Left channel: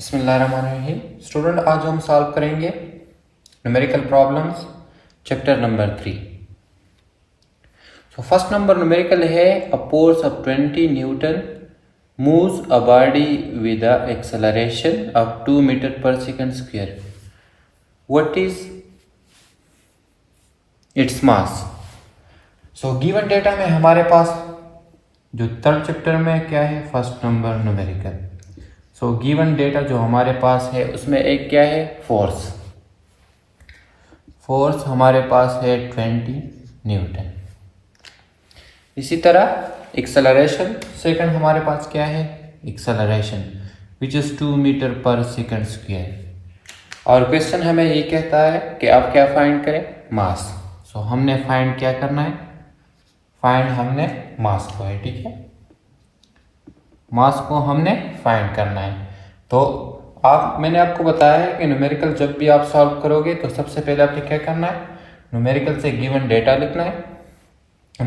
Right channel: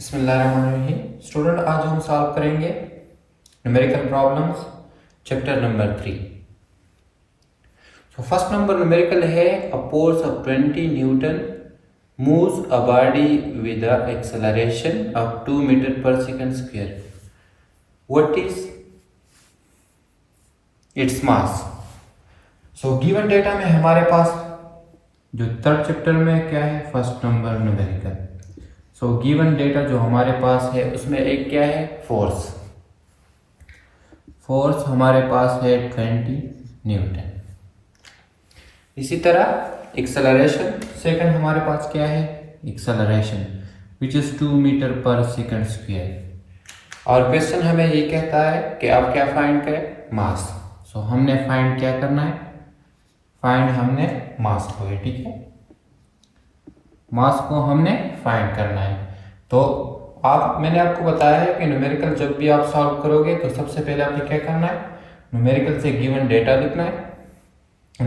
बिस्मिल्लाहिर्रहमानिर्रहीम। स्टूडेंट, आज हम सॉल्व करेंगे numerical problems chapter number 3। First number numerical है a force of 20 newton moves a body with a acceleration of 2 metre per second square. What is its mass? Given data में हमारे पास जो third chapter में क्या है, first number numerical. Given data जो हमारे पास है उसमें एक क्या है, फोर्स हमारे पास है 20 न्यूटन। इसी तरह एक्सेलरेशन सेकंड हमारे पास क्या है, acceleration which is 2 metre per second square. और क्वेश्चन हमें ये कहता है कि आप क्या फाइंड करें, मास। हमने फाइंड क्या करना है, फाइंड हमने मास को है, ठीक है, मास को हमने फाइंड करना है। तो मैंने आपको बताया है कि न्यूमेरिकल जब भी आप सॉल्व करोगे तो सबसे पहले आपको क्या करना है, न्यूमेरिकल से गिवन डेटा लिखना है।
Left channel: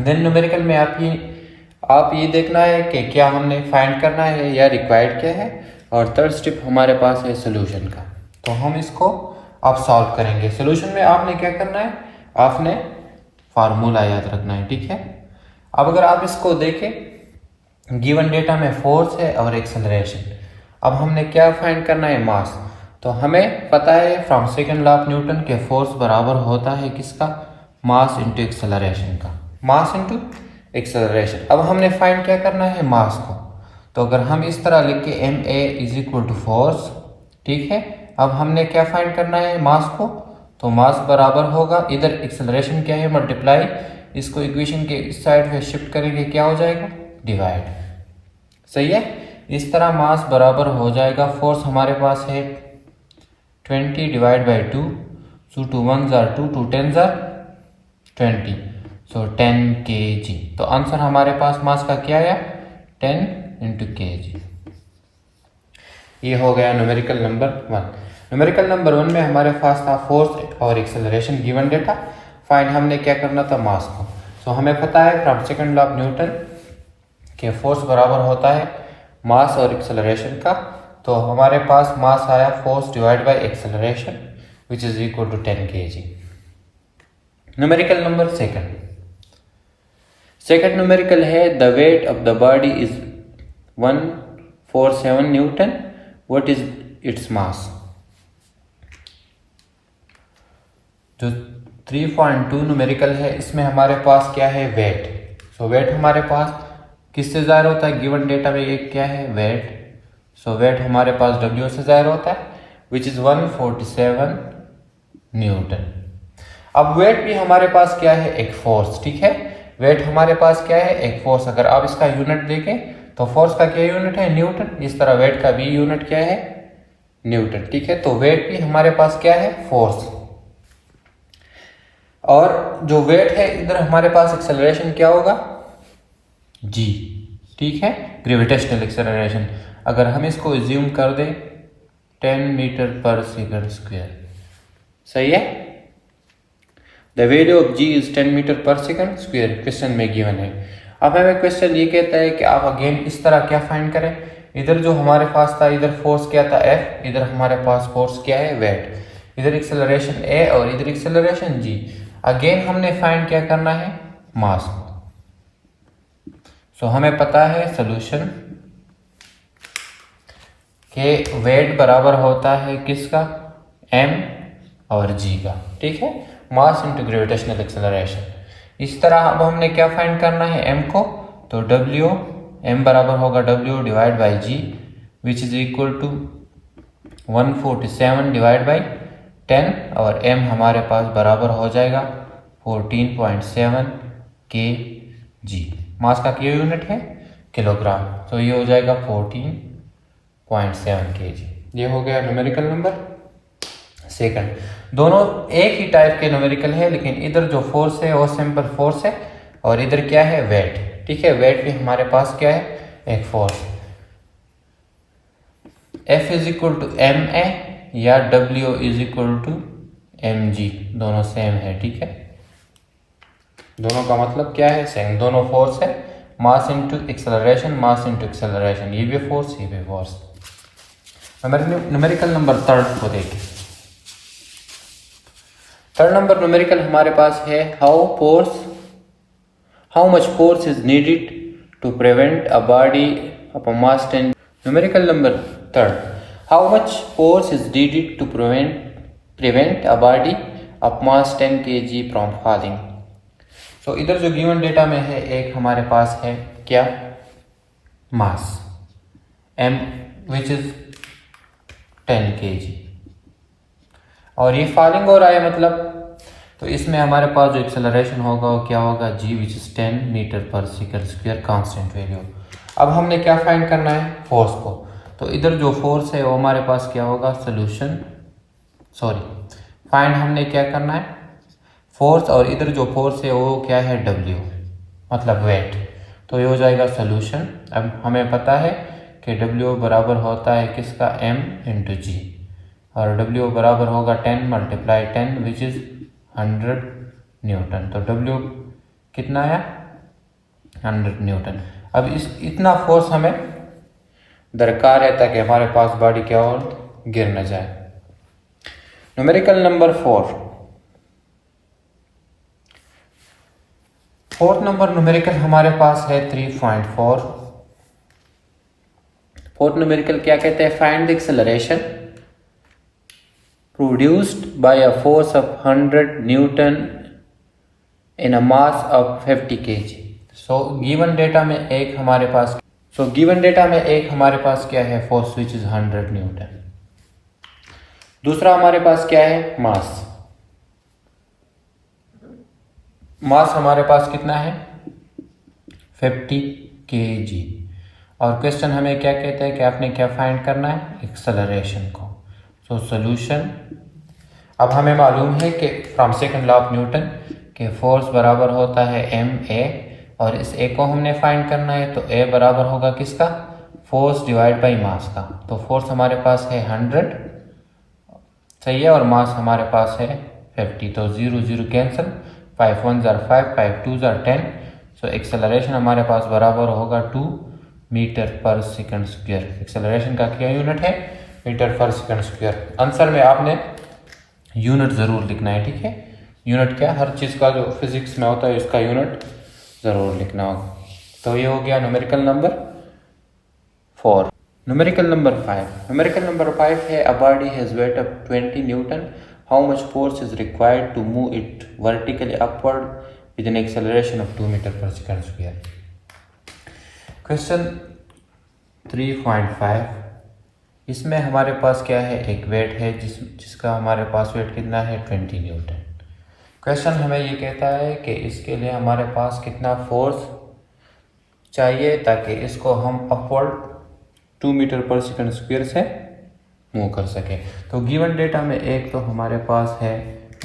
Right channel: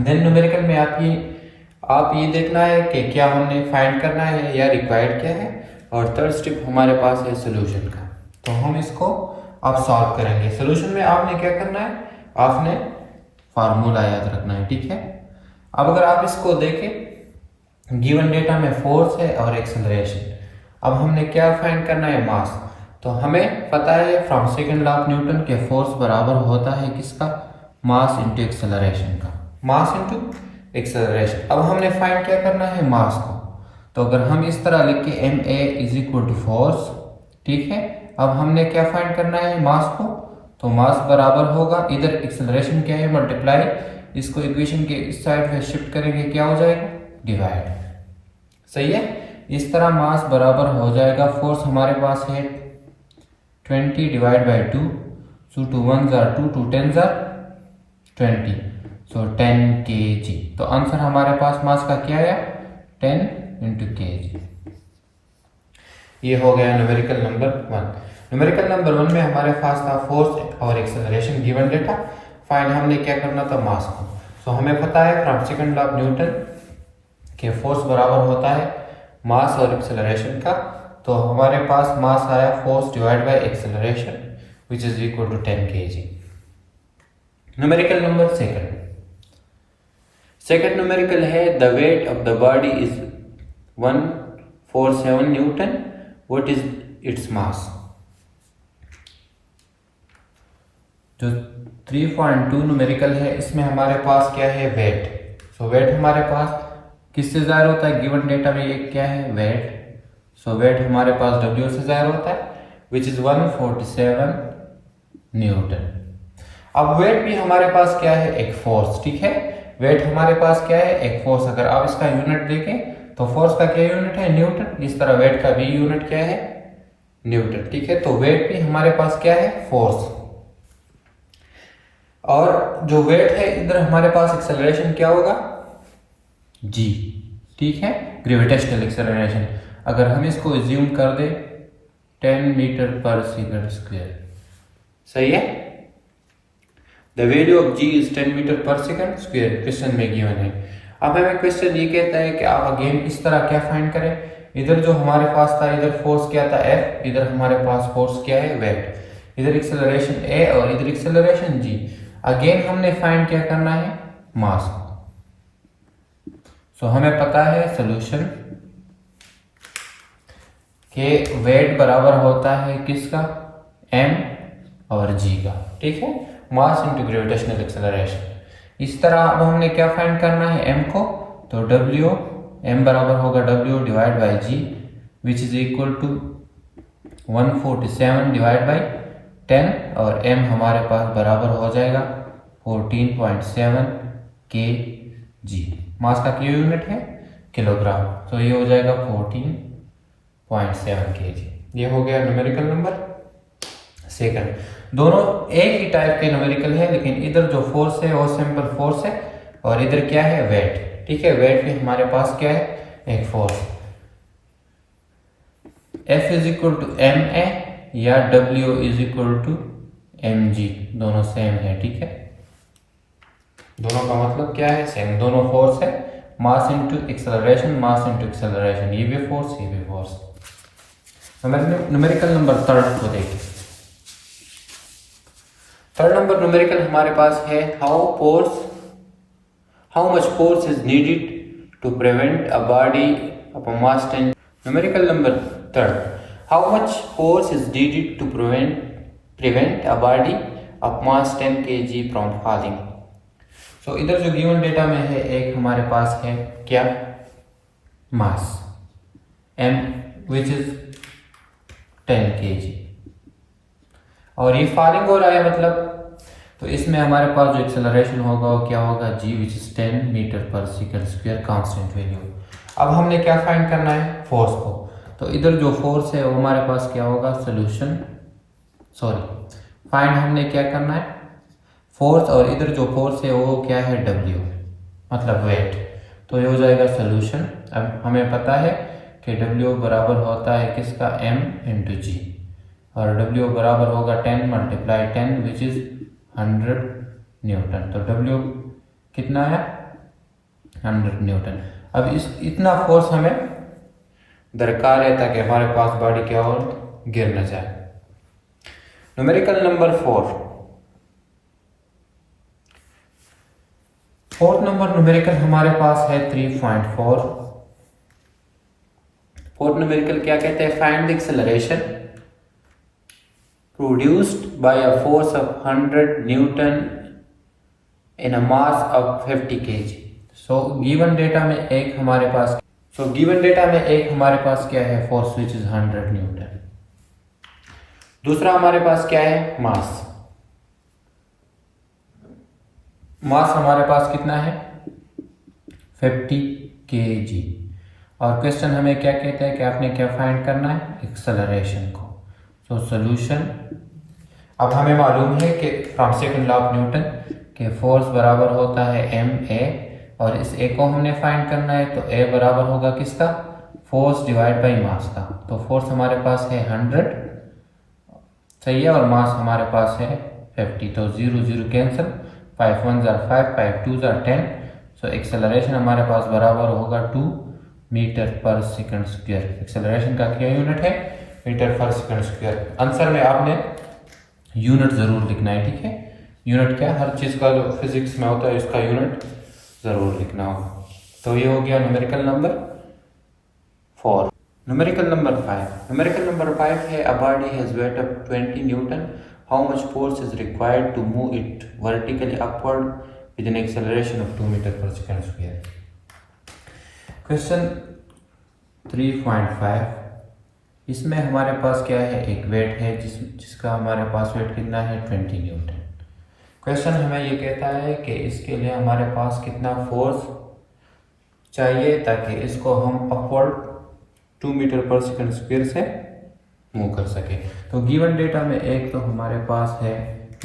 देन न्यूमेरिकल में आप ये देखना है कि क्या हमने फाइंड करना है या रिक्वायर्ड क्या है, और थर्ड स्टेप हमारे पास है सोल्यूशन का। तो हम इसको आप सॉल्व करेंगे। सोल्यूशन में आपने क्या करना है, आपने फार्मूला याद रखना है, ठीक है। अब अगर आप इसको देखें, गिवन डेटा में फोर्स है और एक्सेलरेशन। अब हमने क्या फाइंड करना है, मास। तो हमें पता है from second law of Newton के फोर्स बराबर होता है किसका, मास इंटू एक्सेलरेशन का, मास इंटू एक्सेलरेशन। अब हमने फाइंड क्या करना है, मास को। तो अगर हम इस तरह लिख के m a is equal to force, ठीक है। अब हमने क्या फाइंड करना है, मास को। तो मास बराबर होगा, इधर एक्सेलरेशन क्या है, मल्टीप्लाई, इसको इक्वेशन के इस साइड पे शिफ्ट करेंगे, क्या हो जाएगा, डिवाइड। सही है। इस तरह मास बराबर हो जाएगा, फोर्स हमारे पास है 20 divide by 2, so 2 1 jar 2, 2 10 jar 20, so 10 kg। तो आंसर हमारे पास मास का क्या आया, 10 इंटू kg। ये हो गया न्यूमेरिकल नंबर 1। न्यूमेरिकल नंबर 1 में हमारे पास था फोर्स और एक्सेलरेशन गिवन डेटा। फाइंड हमने क्या करना था, मास को। हमें पता है from second law of Newton के फोर्स बराबर होता है मास और एक्सेलरेशन का। तो हमारे पास मास आया force divide by acceleration which is equal to 10 kg। Numerical number second numerical है the weight of the body is 147 newton, what is its mass. जो 3.2 न्यूमेरिकल है, इसमें हमारे पास क्या है, वेट। वेट हमारे पास किससे ज़ाहिर होता है, गिवन डेटा में ये क्या है, वेट। वेट हमारे पास W से ज़ाहिर होता है विच इज 147 न्यूटन। अब वेट भी हमारे पास क्या है, एक फोर्स, ठीक है। वेट हमारे पास क्या है, एक फोर्स। अगर आप इसका यूनिट देखें तो फोर्स का क्या यूनिट है, न्यूटन। इस तरह वेट का भी यूनिट क्या है, न्यूटन, ठीक है। तो वेट भी हमारे पास क्या है, फोर्स। और जो वेट है, इधर हमारे पास एक्सेलरेशन क्या होगा, g, ठीक है, ग्रेविटेशनल एक्सेलरेशन। अगर हम इसको एज्यूम कर दें 10 मीटर पर सेकंड स्क्वायर, सही है। The value of g is 10 metre per second square, question में गिवन है। अब हमें क्वेश्चन ये कहता है कि आप अगेन इस तरह क्या फाइंड करें। इधर जो हमारे पास था, इधर फोर्स क्या था, F, इधर हमारे पास फोर्स क्या है, वेट। इधर एक्सेलरेशन A और इधर एक्सेलरेशन g। अगेन हमने फाइंड क्या करना है, मास को। हमें पता है सोल्यूशन के वेट बराबर होता है किसका, m और g का, ठीक है, मास इंटू ग्रेविटेशनल एक्सेलरेशन। इस तरह अब हमने क्या फाइंड करना है, m को। तो m बराबर होगा W divide by g which is equal to 147 divide by 10, और m हमारे पास बराबर हो जाएगा 14.7 kg। मास का क्या यूनिट है, किलोग्राम। तो ये हो जाएगा 14.7 kg। ये हो गया न्यूमेरिकल नंबर सेकंड। दोनों एक ही टाइप के न्यूमेरिकल है, लेकिन इधर जो फोर्स है वो सिंपल फोर्स है, और इधर क्या है, वेट, ठीक है। वेट भी हमारे पास क्या है, एक force. F is equal to ma या W is equal to mg, दोनों सेम है, ठीक है। दोनों का मतलब क्या है, सेम। दोनों फोर्स है, mass into acceleration, mass into acceleration. ये भी फोर्स, ये भी फोर्स। न्यूमेरिकल नंबर थर्ड को देखें। थर्ड नंबर न्यूमेरिकल हमारे पास है how much force is needed to prevent a body of a mass 10। Numerical number third, how much force is needed to prevent a body of mass 10 kg from falling. So इधर जो given data में है, एक हमारे पास है क्या, मास m which is 10 kg, और ये फॉलिंग हो रहा है मतलब, तो इसमें हमारे पास जो एक्सेलरेशन होगा वो क्या होगा, g which is 10 metre per second square constant value. अब हमने क्या फाइंड करना है, फोर्स को। तो इधर जो फोर्स है वो हमारे पास क्या होगा, फाइंड हमने क्या करना है, फोर्स, और इधर जो फोर्स है वो क्या है, w मतलब वेट। तो ये हो जाएगा सोल्यूशन। अब हमें पता है कि w बराबर होता है किसका, m इंटू जी, और w बराबर होगा 10 मल्टीप्लाई 10 विच इज 100 न्यूटन। तो w कितना है, 100 न्यूटन। अब इतना फोर्स हमें दरकार है ताकि हमारे पास बॉडी क्या हो, गिर न जाए। Numerical number 4, fourth number numerical हमारे पास है 3.4। फोर्थ न्यूमेरिकल क्या कहते हैं, find the acceleration produced by a force of 100 Newton in a mass of 50 kg। So given data में एक हमारे पास क्या है, फोर्स विच इज 100 न्यूटन। दूसरा हमारे पास क्या है, मास हमारे पास कितना है, 50 kg। और क्वेश्चन हमें क्या कहता है कि आपने क्या फाइंड करना है, एक्सेलरेशन को। सो सोल्यूशन, अब हमें मालूम है कि from second law of Newton के फोर्स बराबर होता है ma, और इस a को हमने फाइंड करना है, तो a बराबर होगा किसका, फोर्स डिवाइड बाई मास का। तो फोर्स हमारे पास है 100, सही है, और मास हमारे पास है 50। तो 0 0 cancel, 5 1 jar 5, 5 2 jar 10। So acceleration हमारे पास बराबर होगा 2 metre per second square. Acceleration का क्या यूनिट है, metre per second square. Answer में आपने यूनिट ज़रूर लिखना है, ठीक है। यूनिट क्या, हर चीज़ का जो फिजिक्स में होता है इसका यूनिट ज़रूर लिखना होगा। तो ये हो गया न्यूमेरिकल नंबर 4। न्यूमेरिकल नंबर 5 है, a body has weight of 20 newton, how much force is required to move it vertically upward with an acceleration of 2 metre per second square. Question 3.5, इसमें हमारे पास क्या है, एक वेट है जिसका हमारे पास वेट कितना है, 20 न्यूटन। क्वेश्चन हमें ये कहता है कि इसके लिए हमारे पास कितना फोर्स चाहिए ताकि इसको हम upward 2 metre per second square से मूव कर सके। तो गिवन डेटा में एक तो हमारे पास है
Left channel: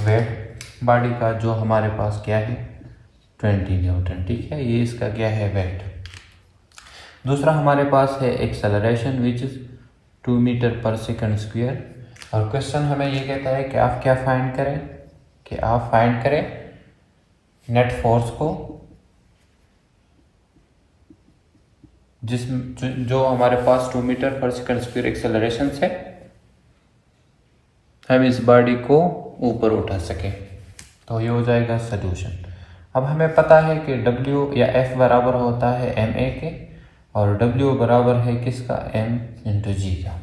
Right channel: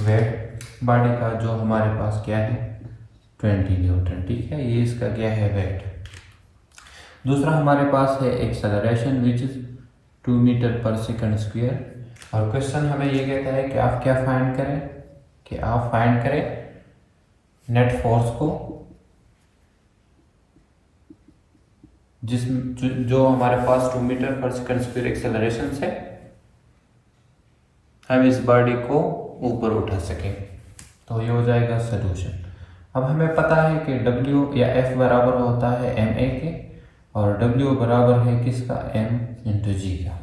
वेट बॉडी का, जो हमारे पास क्या है, 20 न्यूटन, ठीक है, ये इसका क्या है, वेट। दूसरा हमारे पास है acceleration which is 2 metre per second square. और क्वेश्चन हमें ये कहता है कि आप क्या फाइंड करें, नेट फोर्स को, जो हमारे पास 2 metre per second square acceleration से हम इस बॉडी को ऊपर उठा सके। तो ये हो जाएगा सोल्यूशन। अब हमें पता है कि W या F बराबर होता है ma के, और W बराबर है किसका, m इंटू जी का।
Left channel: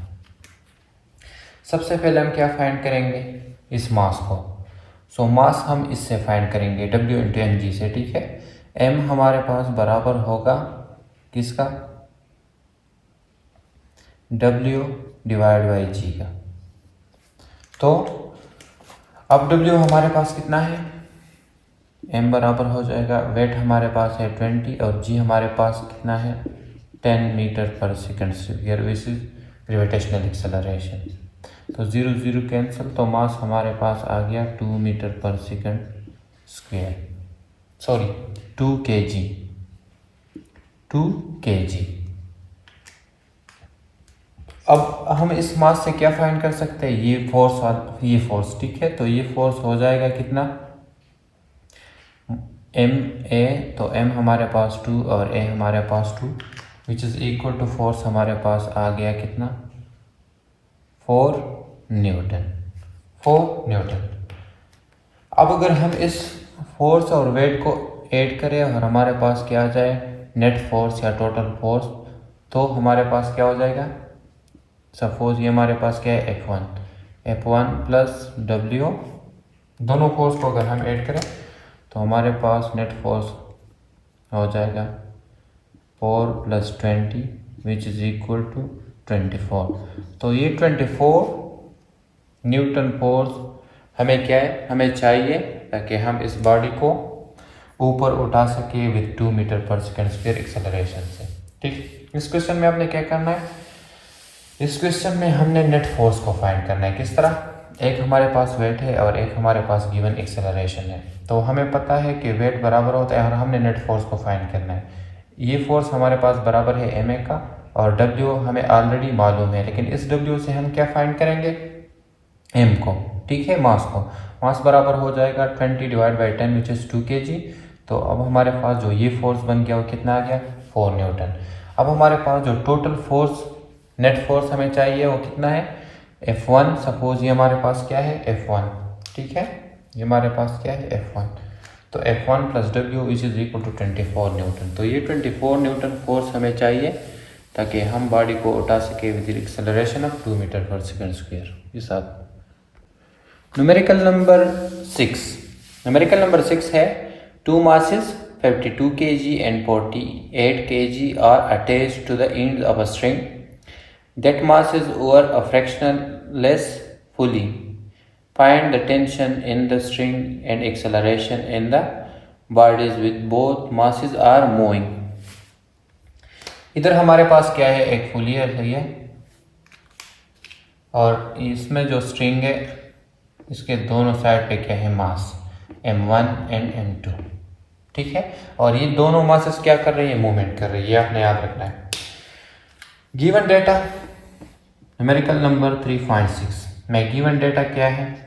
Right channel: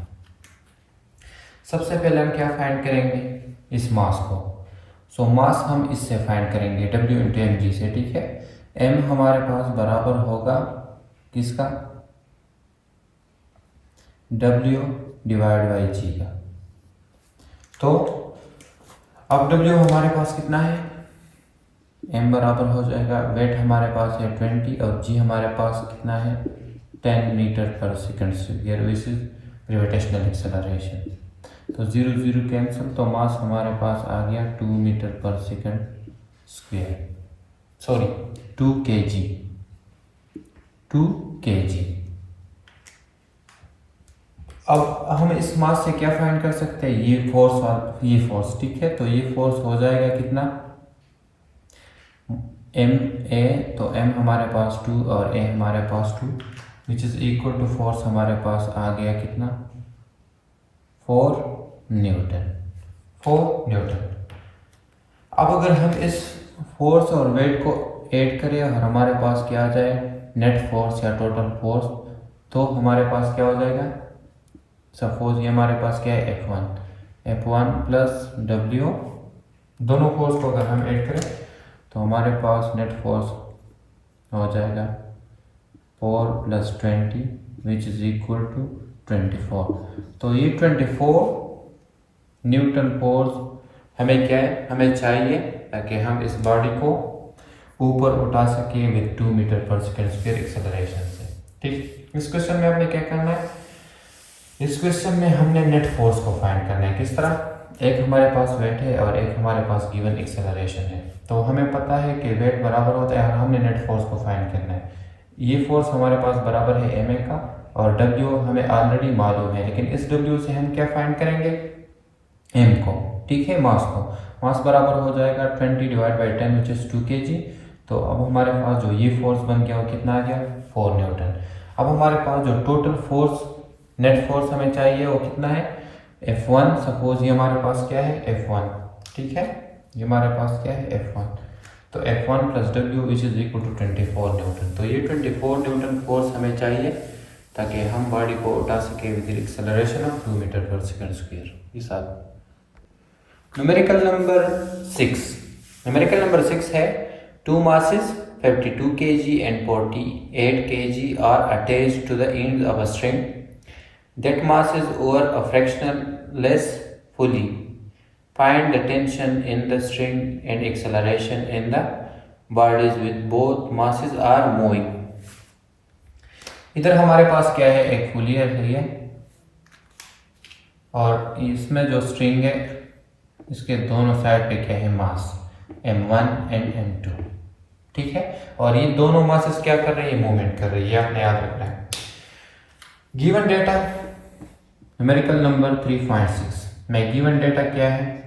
सबसे पहले हम क्या फाइंड करेंगे, इस मास को। सो मास हम इससे फाइंड करेंगे W इंटू एम जी से, ठीक है। m हमारे पास बराबर होगा किसका, W डिवाइड बाई जी का। तो अब W हमारे पास कितना है, m बराबर हो जाएगा, वेट हमारे पास है 20, और g हमारे पास कितना है, 10 metre per second square which is gravitational acceleration. तो 0 0 कैंसिल, तो मास हमारे पास आ गया 2 metre per second square, 2 kg। अब हम इस मास से क्या फाइंड कर सकते हैं, ये फोर्स, ठीक है। तो ये फोर्स हो जाएगा कितना, ma, तो m हमारे पास 2 और a हमारे पास 2 which is equal to force हमारे पास आ गया कितना, 4 न्यूटन। अब अगर हम इस फोर्स और वेट को ऐड करें और हमारे पास क्या आ जाए नेट फोर्स या टोटल फोर्स, तो हमारे पास क्या हो जाएगा, सपोज ये हमारे पास क्या है F1 प्लस W, दोनों फोर्स को अगर हम ऐड करें तो हमारे पास नेट फोर्स हो जाएगा 4 + 20 विच इज इक्वल टू 24। तो ये 24 न्यूटन फोर्स हमें क्या है, हमें चाहिए ताकि हम इस बॉडी को ऊपर उठा सके with 2 metre per second square acceleration से। ठीक, इस क्वेश्चन में आपने क्या करना है, इस क्वेश्चन में हमने नेट फोर्स को फाइंड करना है। किस तरह, एक हमारे पास वेट है और एक हमारे पास गिवन एक्सेलरेशन है, तो हमें पता है कि वेट बराबर होता है और हमने नेट फोर्स को फाइंड करना है। ये फोर्स हमारे पास बराबर है ma का और W हमें ऑलरेडी मालूम है, लेकिन इस W से हम क्या फाइंड करेंगे, m को। ठीक है, मास को, मास बराबर हो जाएगा 20 / 10 विच इज 2 kg। तो अब हमारे पास जो ये फोर्स बन गया वो कितना आ गया, 4 न्यूटन। अब हमारे पास जो टोटल फोर्स नेट फोर्स हमें चाहिए वो कितना है, F1। सपोज ये हमारे पास क्या है F1, ठीक है, ये हमारे पास क्या है F1। तो F1 + W which is equal to 24 newton. तो ये 24 न्यूटन फोर्स हमें चाहिए ताकि हम बॉडी को उठा सके with acceleration of 2 metre per second square. इस न्यूमेरिकल नंबर 6 है 2 masses 52 kg and 48 kg are attached to the ends of a string that masses over a fractional less fully. Find the tension in the string and acceleration in the bodies with both masses are moving. इधर हमारे पास क्या है, एक fully है, सही है, और इसमें जो स्ट्रिंग है इसके दोनों साइड पे क्या है, मास m1 एंड m2। ठीक है, और ये दोनों मासेस क्या कर रही है, मूवमेंट कर रही है, ये आपने याद रखना है। गिवन डेटा न्यूमेरिकल नंबर 3.6 में गिवन डेटा क्या है,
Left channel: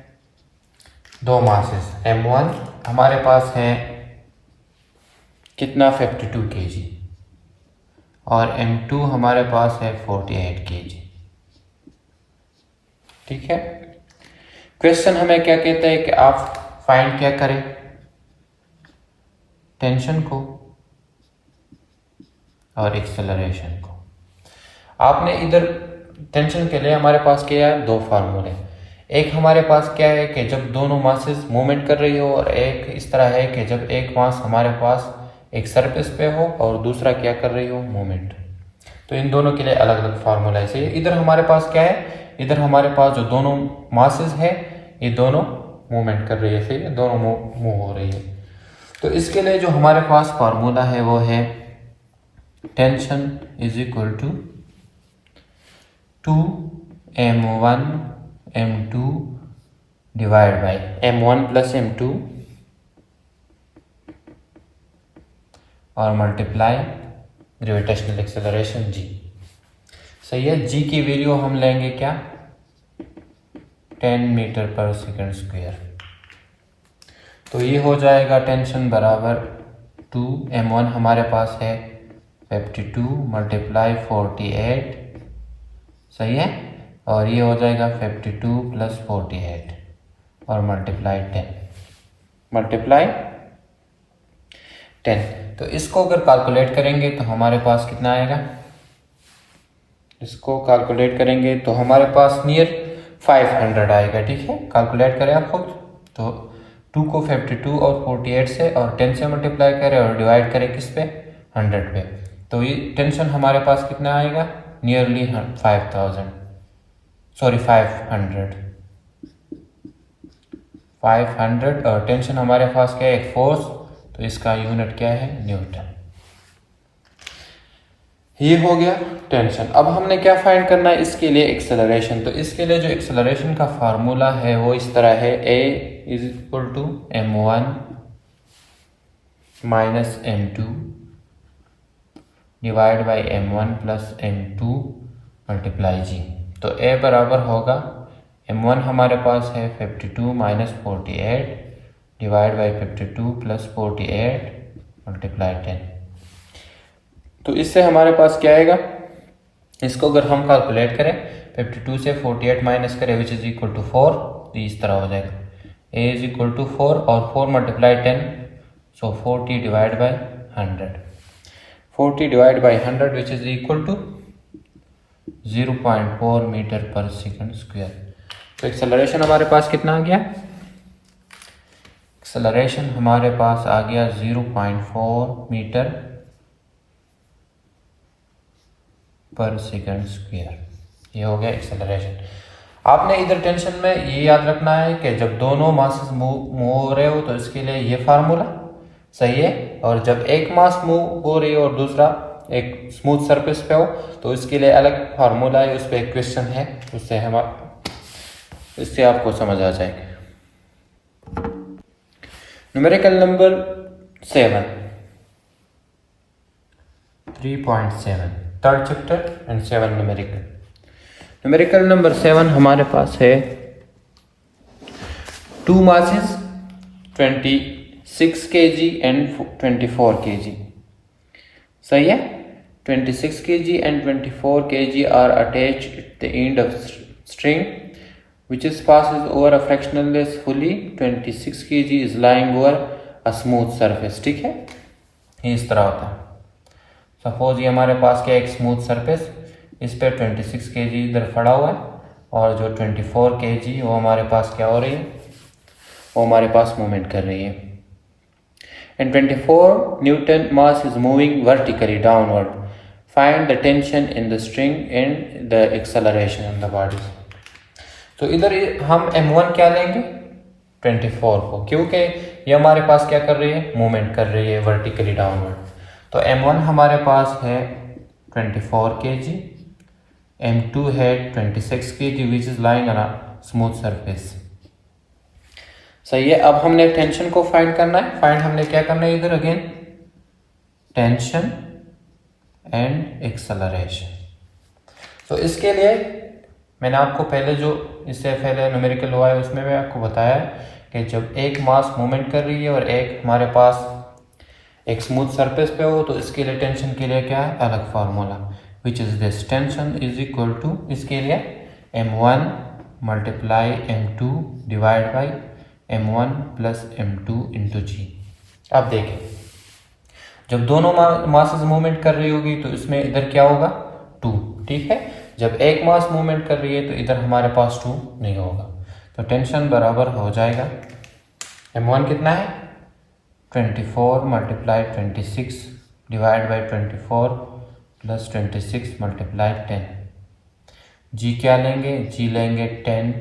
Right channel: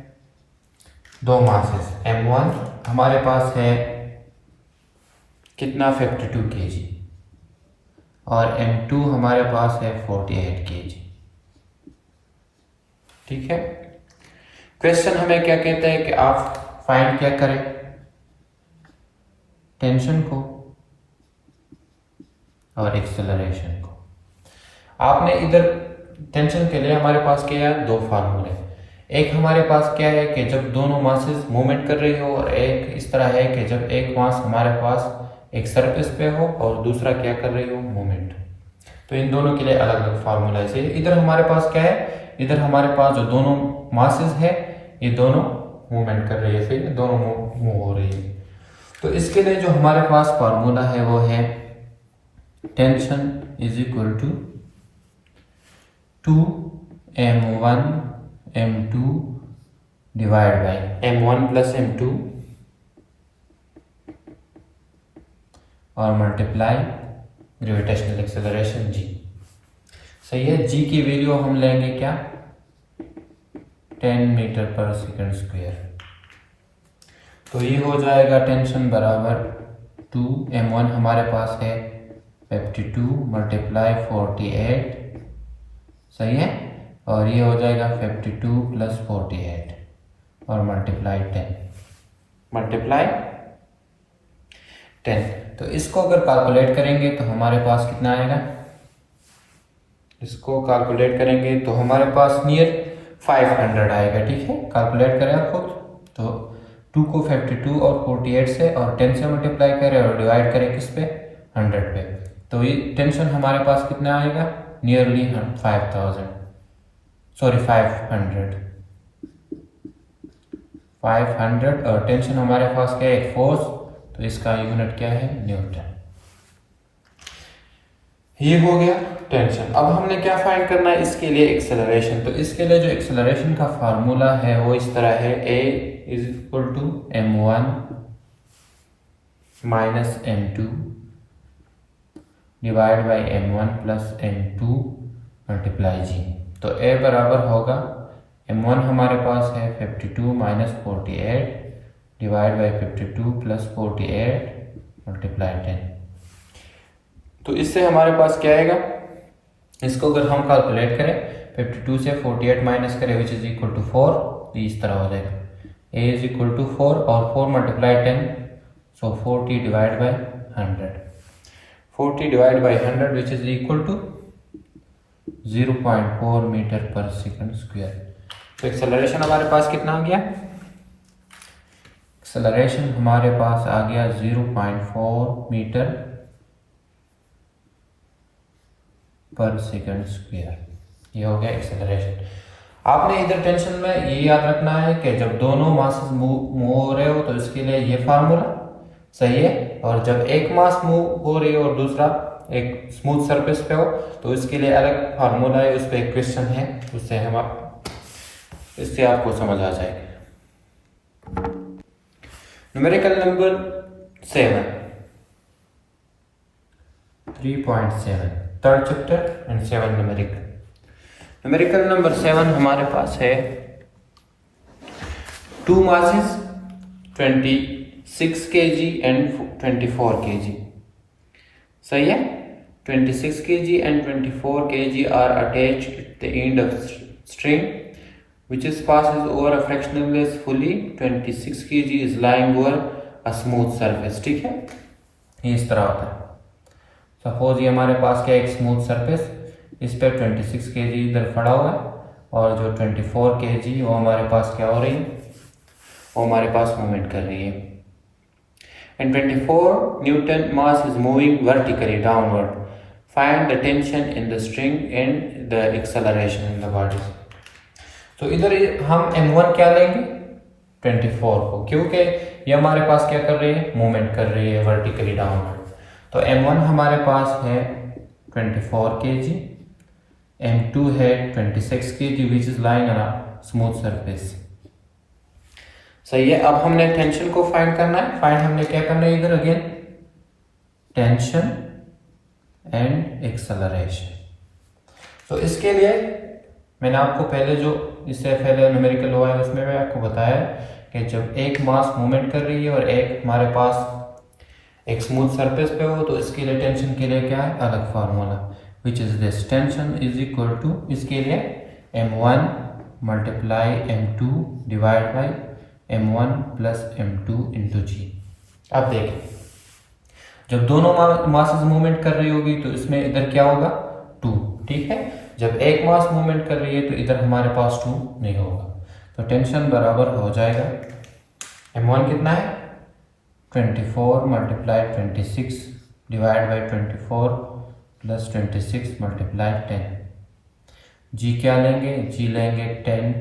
दो मासेस m1 हमारे पास है कितना 52 kg और m2 हमारे पास है 48 kg। ठीक है, क्वेश्चन हमें क्या कहता है कि आप फाइंड क्या करें, टेंशन को और एक्सेलरेशन को। आपने इधर टेंशन के लिए हमारे पास क्या है, दो फार्मूले। एक हमारे पास क्या है कि जब दोनों मासेस मूवमेंट कर रही हो, और एक इस तरह है कि जब एक मास हमारे पास एक सरफेस पे हो और दूसरा क्या कर रही हो, मूवमेंट। तो इन दोनों के लिए अलग अलग फार्मूला है। इधर हमारे पास क्या है, इधर हमारे पास जो दोनों मासेस है ये दोनों मूवमेंट कर रही है, फिर दोनों मूव हो रही है। तो इसके लिए जो हमारे पास फार्मूला है वो है tension is equal to 2m1 m2 divide by m1 + m2 और मल्टीप्लाई ग्रेविटेशनल एक्सेलरेशन g। सही है, g की वैल्यू हम लेंगे क्या, 10 मीटर पर सेकेंड स्क्वायर। तो ये हो जाएगा टेंशन बराबर 2m1 हमारे पास है 52 × 48, सही है, और ये हो जाएगा 52 + 48 और मल्टीप्लाई 10। तो इसको अगर कैलकुलेट करेंगे तो हमारे पास कितना आएगा, इसको कैलकुलेट करेंगे तो हमारे पास नियर 500 आएगा। ठीक है, कैलकुलेट करें आप खुद। तो 2 को 52 और 48 से और 10 से मल्टीप्लाई करें और डिवाइड करें किस पे, 100 पे। तो ये टेंशन हमारे पास कितना आएगा, नियरली 500 और टेंशन हमारे पास क्या है, एक फोर्स, तो इसका यूनिट क्या है, न्यूटन। ये हो गया टेंशन। अब हमने क्या फाइंड करना है, इसके लिए एक्सेलरेशन। तो इसके लिए जो एक्सेलरेशन का फार्मूला है वो इस तरह है, a = m1 - m2 divide by m1 + m2 multiply g। तो a बराबर होगा m1 हमारे पास है 52 - 48 डिवाइड बाई 52 + 48 मल्टीप्लाई 10। तो इससे हमारे पास क्या आएगा, इसको अगर हम कैलकुलेट करें 52 से 48 माइनस करें विच इज इक्वल टू 4, तो इस तरह हो जाएगा a इज इक्वल टू 4 और 4 multiply 10, so 40 divide by 100, 40 divide by 100 which is equal to 0.4 metre per second square. तो एक्सेलरेशन हमारे पास कितना आ गया? एक्सेलरेशन हमारे पास आ गया 0.4 मीटर पर सेकंड स्क्वायर। ये हो गया एक्सेलरेशन। आपने इधर टेंशन में ये याद रखना है कि जब दोनों मासेस मूव हो रहे हो तो इसके लिए ये फार्मूला सही है, और जब एक मास मूव हो रही हो और दूसरा एक स्मूथ सरफेस पे हो तो इसके लिए अलग फार्मूला है, उस पर एक क्वेश्चन है, इससे आपको समझ आ जाएगा। Numerical number 7 3.7 third chapter and 7 numerical. Numerical number 7 हमारे पास है 2 masses 26 kg and 24 kg। सही है, 26 kg and 24 kg are attached at the end of string which is passes over a fractionless fully 26 kg is lying over a smooth surface। ठीक है, ये इस तरह होता है। सपोज ये हमारे पास क्या एक स्मूथ सरफेस, इस पे 26 kg इधर पड़ा हुआ है और जो 24 kg वो हमारे पास क्या हो रही है, वो हमारे पास मूवमेंट कर रही है। And 24 Newton mass is moving vertically downward. Find the tension in the string and the acceleration in the body। तो इधर हम M1 क्या लेंगे 24 को, क्योंकि ये हमारे पास क्या कर रही है, मूवमेंट कर रही है वर्टिकली डाउनवर्ड। तो M1 हमारे पास है 24 kg, M2 है 26 kg which is lying on a smooth surface. सही है, अब हमने टेंशन को फाइंड करना है। फाइंड हमने क्या करना है इधर अगेन, टेंशन एंड एक्सेलरेशन। तो इसके लिए मैंने आपको पहले जो इससे पहले न्यूमेरिकल हुआ है उसमें मैं आपको बताया कि जब एक मास मूवमेंट कर रही है और एक हमारे पास एक स्मूथ सरफेस पे हो तो इसके लिए टेंशन के लिए क्या है, अलग formula which is this, tension is equal to, इसके लिए M1 multiply M2 divide by M1 plus M2 into g. अब देखें, जब दोनों मासेस मूवमेंट कर रही होगी तो इसमें इधर क्या होगा 2, ठीक है। जब एक मास मूवमेंट कर रही है तो इधर हमारे पास 2 नहीं होगा, तो टेंशन बराबर हो जाएगा M1 कितना है 24 multiply 26 divide by 24 plus 26 multiply 10। जी क्या लेंगे, जी लेंगे 10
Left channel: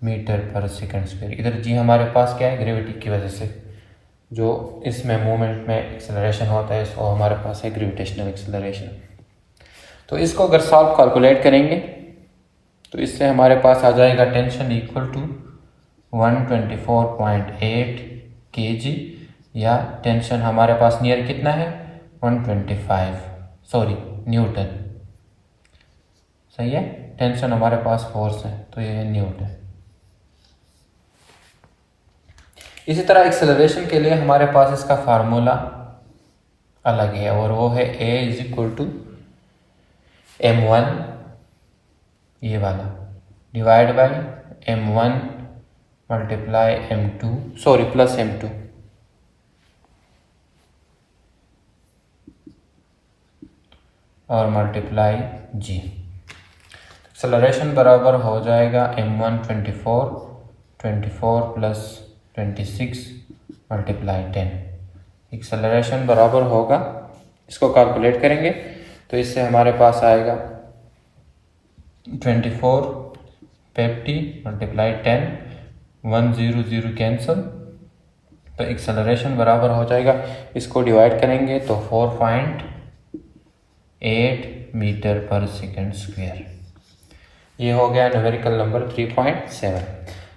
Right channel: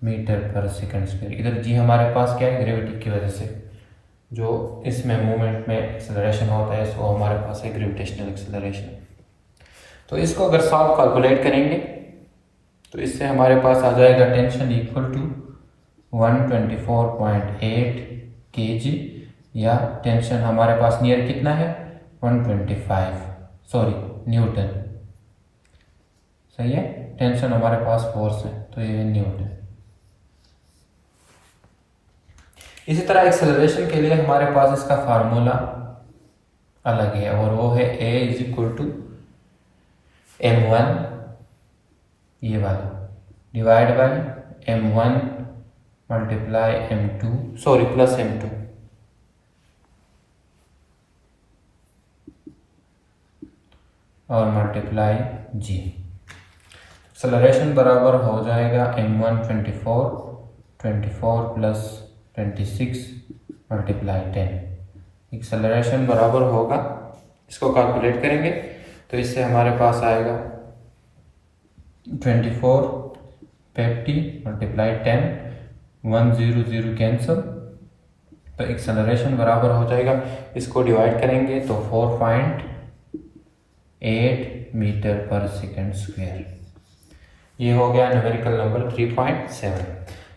मीटर पर सेकंड स्क्वायर। इधर जी हमारे पास क्या है, ग्रेविटी की वजह से जो इसमें मूवमेंट में एक्सेलरेशन होता है सो हमारे पास है ग्रेविटेशनल एक्सेलरेशन। तो इसको अगर सॉल्व कैलकुलेट करेंगे तो इससे हमारे पास आ जाएगा टेंशन इक्वल टू 124.8 kg, या टेंशन हमारे पास नियर कितना है 125 न्यूटन। सही है, टेंशन हमारे पास फोर्स है तो ये न्यूटन। इसी तरह एक्सेलरेशन के लिए हमारे पास इसका फार्मूला अलग है और वो है A is equal to M1 ये वाला divide by M1 multiply M2 plus M2 और मल्टीप्लाई G। एक्सेलरेशन बराबर हो जाएगा M1 24 प्लस 26 मल्टीप्लाई 10। एक्सेलरेशन बराबर होगा, इसको कैलकुलेट करेंगे तो इससे हमारे पास आएगा 24 50 मल्टीप्लाई 10 100 कैंसल, तो एक्सेलरेशन बराबर हो जाएगा, इसको डिवाइड करेंगे तो 4.8 मीटर पर सेकंड स्क्वायर। ये हो गया न्यूमेरिकल नंबर 3.7।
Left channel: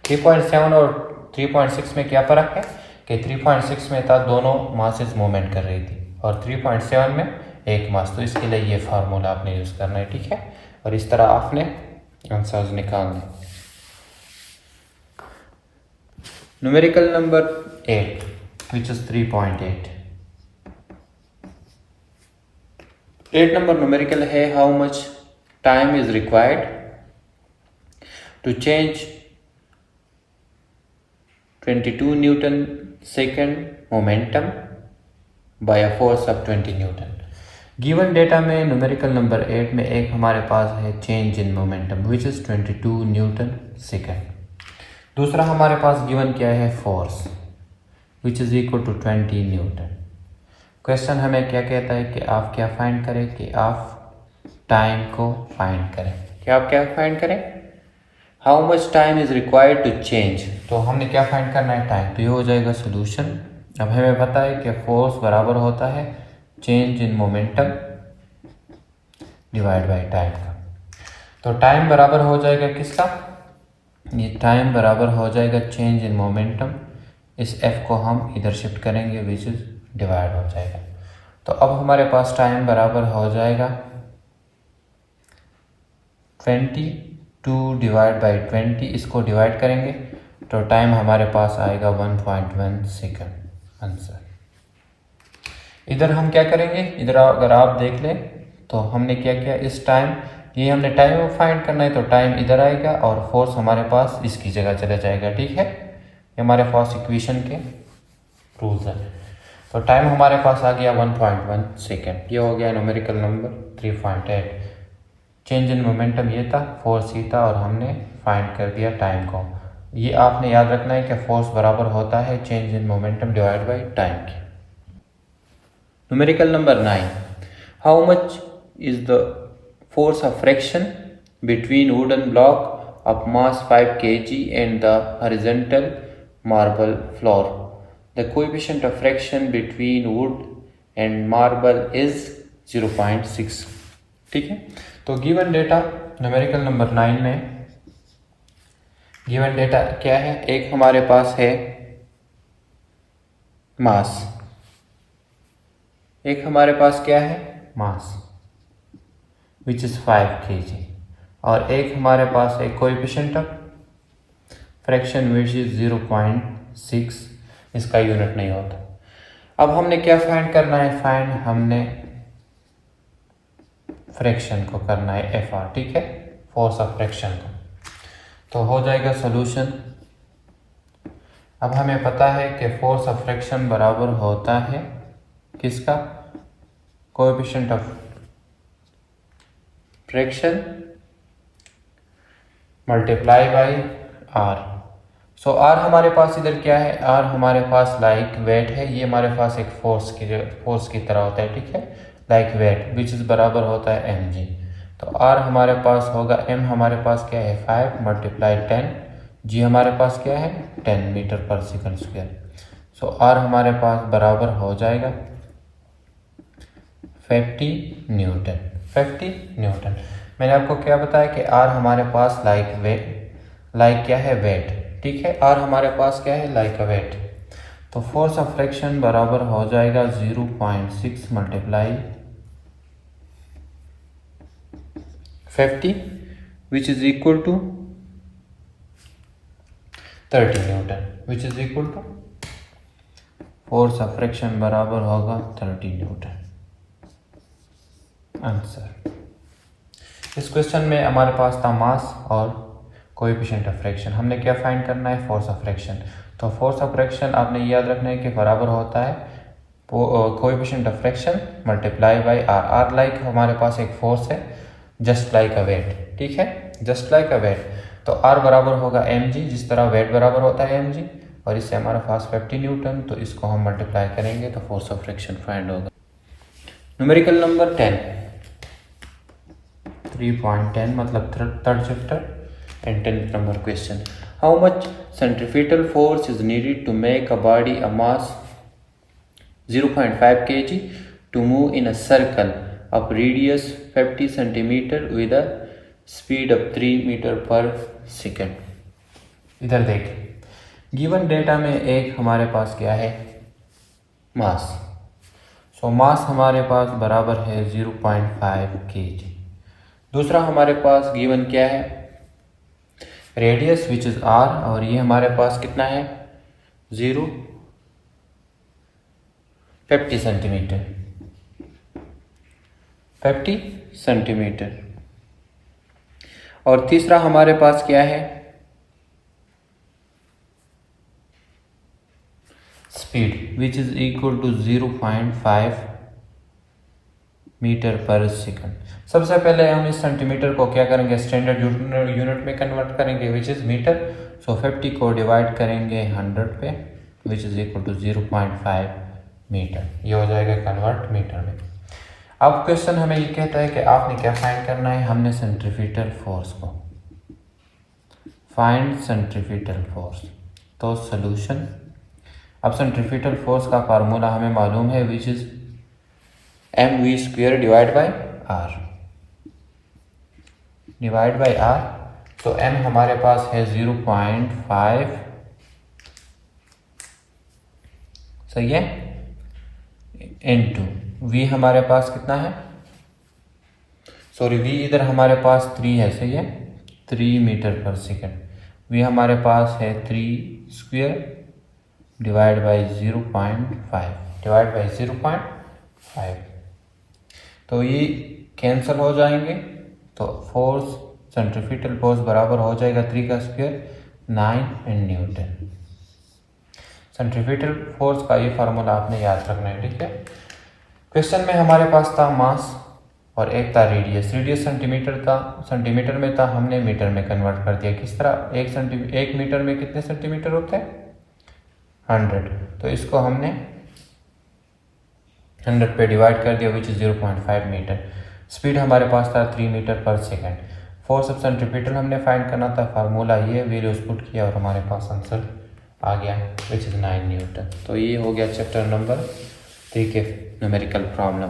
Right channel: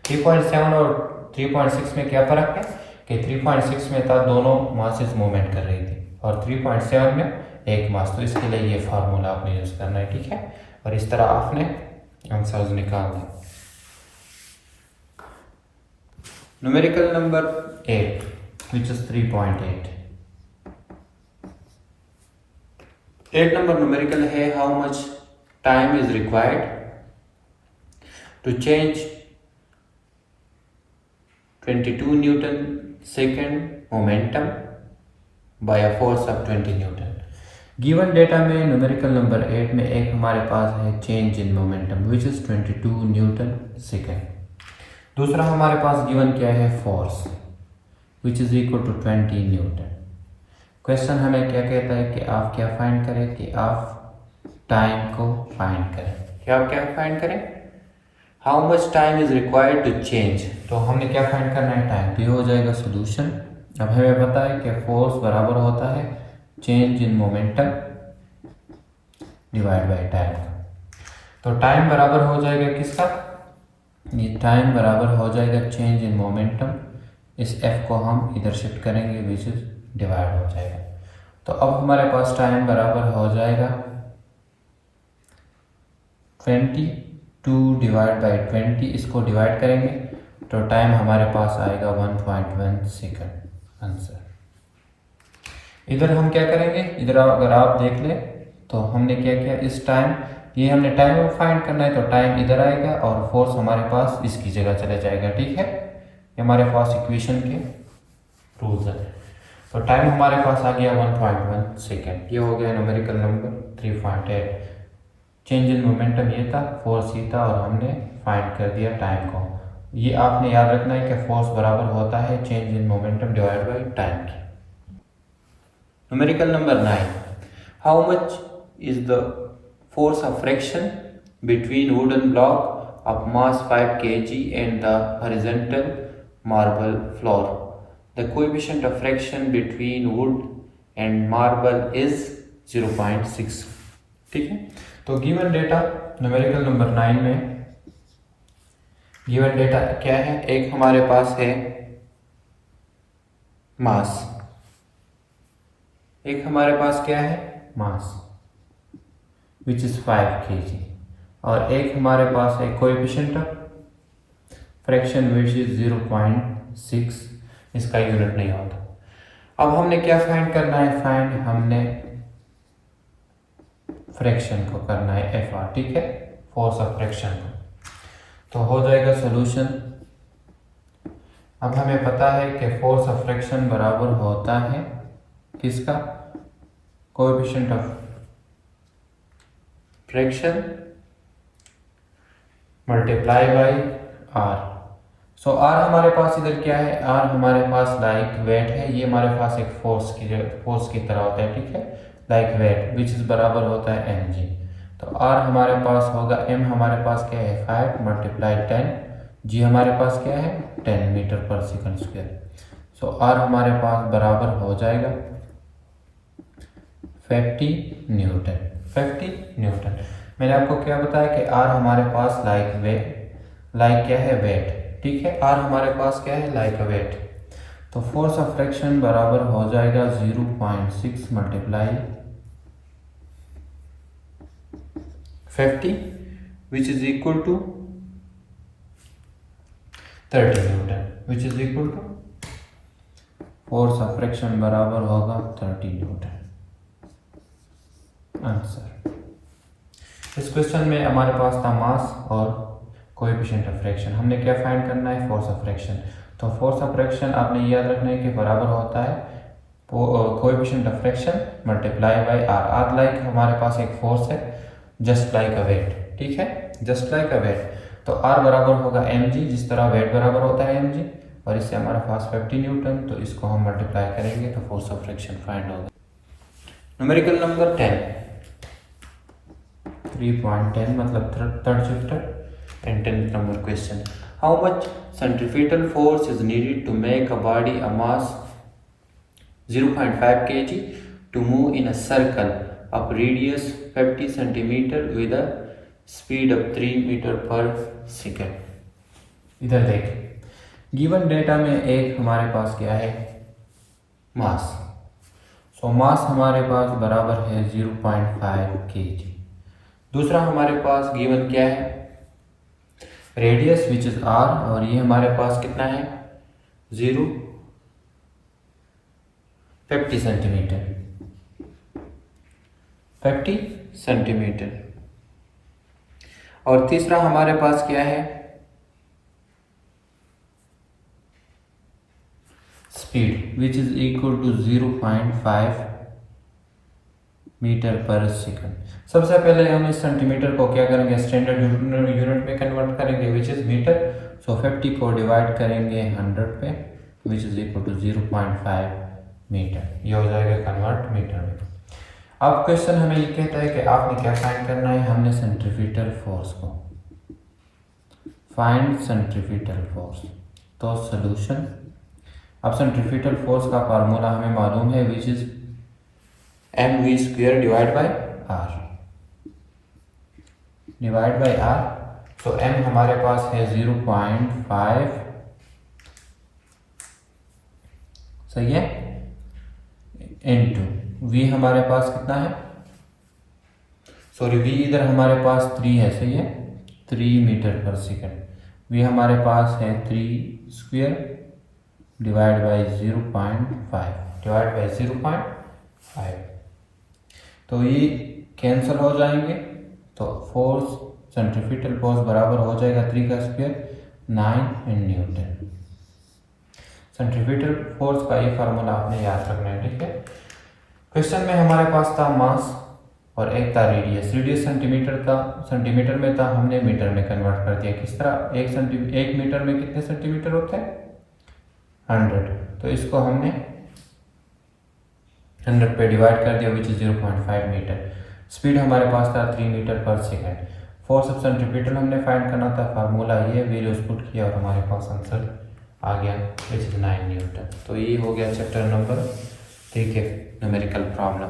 3.7 और 3.6 में क्या फर्क है कि 3.6 में था दोनों मासेस मूवमेंट कर रही थी और 3.7 में एक मास, तो इसके लिए ये फार्मूला आपने यूज करना है, ठीक है। और इस तरह आपने आंसर्स निकालने। Numerical number 8 which is 3.8। 8 number numerical है, how much time is required to change 22 newton second momentum by a force of 20 newton. Given data में न्यूमेरिकल नंबर 8 में एक हमारे पास है change in momentum which is 22 newton second. दूसरा हमारे पास गिवन क्या है, force which is equal to 20 newton. Question हमें क्या कहता है कि आप क्या फाइंड करें, कि आप टाइम को फाइंड करें। क्या आप क्या फाइंड करें, how much time is required to change. तो हमने क्या फाइंड करना है, टाइम। तो ये हो जाएगा सोल्यूशन। अब हमें पता है कि फोर्स बराबर होता है change in momentum divide by time का। तो टाइम बराबर हो जाएगा किसका, ये टाइम बराबर हो जाएगा चेंज इन मोमेंटम। इस f को हम इधर शिफ्ट करेंगे विच इज डिवाइड हो जाएगा। तो अब हमारे पास टाइम बराबर हो जाएगा 22 डिवाइड बाई 20। इसको डिवाइड करेंगे तो टाइम हमारे पास आएगा 1.1 सेकेंड आंसर। इधर हम क्या करेंगे, इधर अगर आप देख लें तो हमने क्या किया, इस टाइम ये हमने टाइम फाइंड करना है तो टाइम इधर आएगा और फोर्स हमारे पास इसकी जगह चला जाएगा। ठीक है, ये हमारे पास इक्वेशन के रूल्स हैं। तो टाइम हमारे पास आ गया 1.1 सेकेंड। ये हो गया numerical number 3.8। Change in momentum ये था, फोर्स ये था और हमने फाइंड कर दिया टाइम को। ये आपने याद रखना है कि फोर्स बराबर होता है change in momentum divide by time की। Numerical number 9, how much is the force of friction between wooden block of mass 5 kg and the horizontal marble floor. The coefficient of friction between wood and marble is 0.6. ठीक है, तो given data numerical number 9 में given data क्या है, एक हमारे पास है मास, एक हमारे पास क्या है मास विच इज़ 5 kg और एक हमारे पास है coefficient of fraction which is 0.6। इसका यूनिट नहीं होता। अब हमने क्या फाइंड करना है, फाइंड हमने फ्रैक्शन को करना है FR। ठीक है, फोर्स ऑफ फ्रैक्शन को। तो हो जाएगा सॉल्यूशन। अब हमें पता है कि फोर्स ऑफ फ्रैक्शन बराबर होता है किसका, coefficient of fraction multiply by R। So R हमारे पास इधर क्या है, R हमारे पास लाइक वेट है। ये हमारे पास एक फोर्स की तरह होता है। ठीक है, लाइक वेट विच इज बराबर होता है mg। तो R हमारे पास होगा, m हमारे पास क्या है 5 मल्टीप्लाई 10, g हमारे पास क्या है 10 मीटर पर सेकंड स्क्वायर। सो R हमारे पास बराबर हो जाएगा 50 न्यूटन। 50 न्यूटन। मैंने आपको क्या बताया कि R हमारे पास लाइक क्या है वेट। ठीक है, R हमारे पास क्या है लाइक अ वेट। तो फोर्स ऑफ फ्रैक्शन बराबर हो जाएगा 0.6 multiply 50 which is equal to 30 newton, which is equal to force of friction बराबर होगा 30 न्यूटन आंसर। इस क्वेश्चन में हमारे पास था मास और कोएफिशिएंट ऑफ फ्रैक्शन। हमने क्या फाइंड करना है, फोर्स ऑफ फ्रैक्शन। तो फोर्स ऑफ फ्रैक्शन आपने याद रखना है कि बराबर होता है coefficient of fraction multiply by R। R like हमारे पास एक फोर्स है, जस्ट लाइक अ वेट। ठीक है, जस्ट लाइक अ वेट। तो R बराबर होगा mg, जिस तरह वेट बराबर होता है mg, और इससे हमारे पास 50 न्यूटन। तो इसको हम मल्टीप्लाई करेंगे तो फोर्स ऑफ फ्रैक्शन फाइंड होगा। न्यूमेरिकल नंबर 10, 3.10 मतलब third chapter and 10th number question. How much centrifugal force is needed to make a body a mass 0.5 kg to move in a circle of radius 50 centimetre with a speed of 3 metre per second. इधर देखें, given data में एक हमारे पास क्या है मास। सो मास हमारे पास बराबर है 0.5 kg। दूसरा हमारे पास गिवन क्या है रेडियस विच इज R, और ये हमारे पास कितना है 50 सेंटीमीटर। 50 सेंटीमीटर। और तीसरा हमारे पास क्या है, speed which is equal to 0.5 metre per second. सबसे पहले हम इस सेंटीमीटर को क्या करेंगे, स्टैंडर्ड यूनिट में कन्वर्ट करेंगे विच इज मीटर। सो 50 को डिवाइड करेंगे 100 पे which is equal to 0.5 metre. ये हो जाएगा कन्वर्ट मीटर में। अब क्वेश्चन हमें ये कहता है कि आपने क्या फाइंड करना है, हमने सेंट्रीफ्यूगल फोर्स को फाइंड सेंट्रीफ्यूगल फोर्स। तो सॉल्यूशन, अब सेंट्रीफ्यूगल फोर्स का फार्मूला हमें मालूम है which is mv² divide by r। तो m हमारे पास है 0.5, सही है, इनटू v हमारे पास कितना है, सॉरी v इधर हमारे पास 3 है, सही है, 3 मीटर पर सेकंड। v हमारे पास है 3² डिवाइड बाई 0.5 तो ये कैंसिल हो जाएंगे। तो फोर्स, सेंट्रीफ्यूगल फोर्स बराबर हो जाएगा 3 का स्क्वायर 9 न्यूटन। सेंट्रीफ्यूगल फोर्स का ये फार्मूला आपने याद रखना है, ठीक है। क्वेश्चन में हमारे पास था मास और एक था रेडियस। रेडियस सेंटीमीटर में था, हमने मीटर में कन्वर्ट कर दिया। किस तरह, एक मीटर में कितने सेंटीमीटर होते हैं, 100। तो इसको हमने 100 पे डिवाइड कर दिया विच इज 0.5 मीटर। स्पीड हमारे पास था 3 metre per second. Force of centrifugal हमने फाइंड करना था, फार्मूला ये वैल्यूज पुट किया और हमारे पास आंसर आ गया विच इज 9 न्यूटन। तो ये हो गया चैप्टर नंबर 3 के न्यूमेरिकल प्रॉब्लम।